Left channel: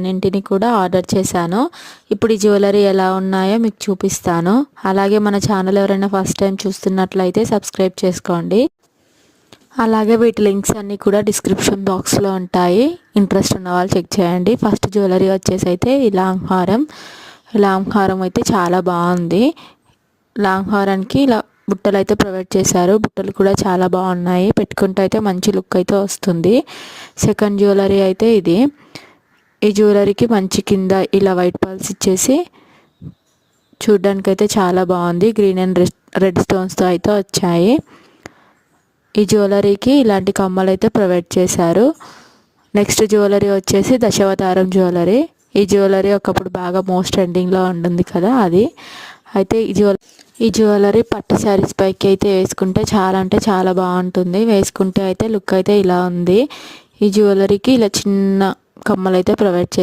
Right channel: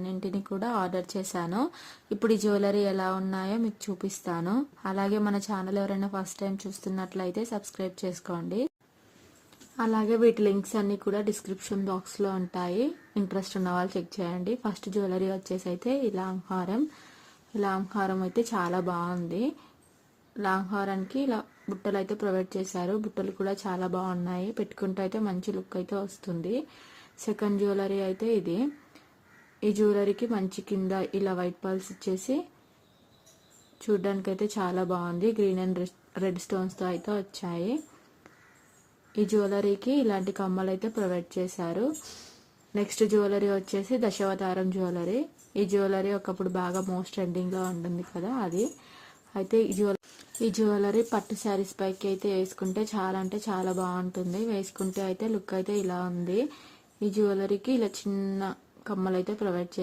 అన్నింటిని కూడా ఆర్డర్ చేశాను. ఇప్పుడు ఈ జ్యువెలరీ ఎలా ఉన్నాయో మీకు చూపిస్తాను. అలాగే మన ఛానల్ ఎవరైనా ఫస్ట్ టైం చూస్తున్నట్లయితే సబ్స్క్రైబ్ చేసుకోండి. అలాగే వీటి లింక్స్ అన్నీ కూడా డిస్క్రిప్షన్ బాక్స్లో ఉంటాయి. ఇంట్రెస్ట్ ఉన్న వాళ్ళు చెక్ చేయండి. ఫస్ట్ జ్యువెలరీ వచ్చేసి అయితే ఈ లాంగ్ హారం అయితే చాలా బాగుంది. లాంగ్ హారానికి ఇలా బుట్టలు అయితే ప్రొవైడ్ చేశారు. బుట్టలు కూడా చాలా బాగున్నాయి. పెట్టుకుంటే అయితే మంచి లుక్ అయితే వస్తుంది. సెకండ్ జ్యువెలరీ అయితే ఇది. ఈ జ్యువెలరీకి మంచి కింద ఇలా వైట్ పర్ల్స్ ఇచ్చేసి చూడ్డానికి అయితే చాలా బాగుంది. గ్రీన్ అండ్ రెడ్ స్టోన్స్తో అయితే వచ్చాయి. ఈ జ్యువెలరీకి ఇలాంటి కమ్మలు అయితే ప్రొవైడ్ చేశారు. నెక్స్ట్ జ్యువెలరీ వచ్చేసి దశావతారం జ్యువెలరీ. ఈ జ్యువెలరీ ఒకప్పుడు బాగా మోస్ట్ ట్రెండింగ్లో ఉంటుంది కదా, అది అయితే ఈ జ్యువెలరీ పట్టు శారీస్ పైకి అయితే వేసుకుంటే చాలా అంటే చాలా బాగుంటుంది. వేసుకుంటే అయితే లుక్ అయితే ఇలా ఉంది. ఈ జ్యువెలరీకి ఇలా చిన్న కమ్మలు అయితే ప్రొవైడ్ చేశారు.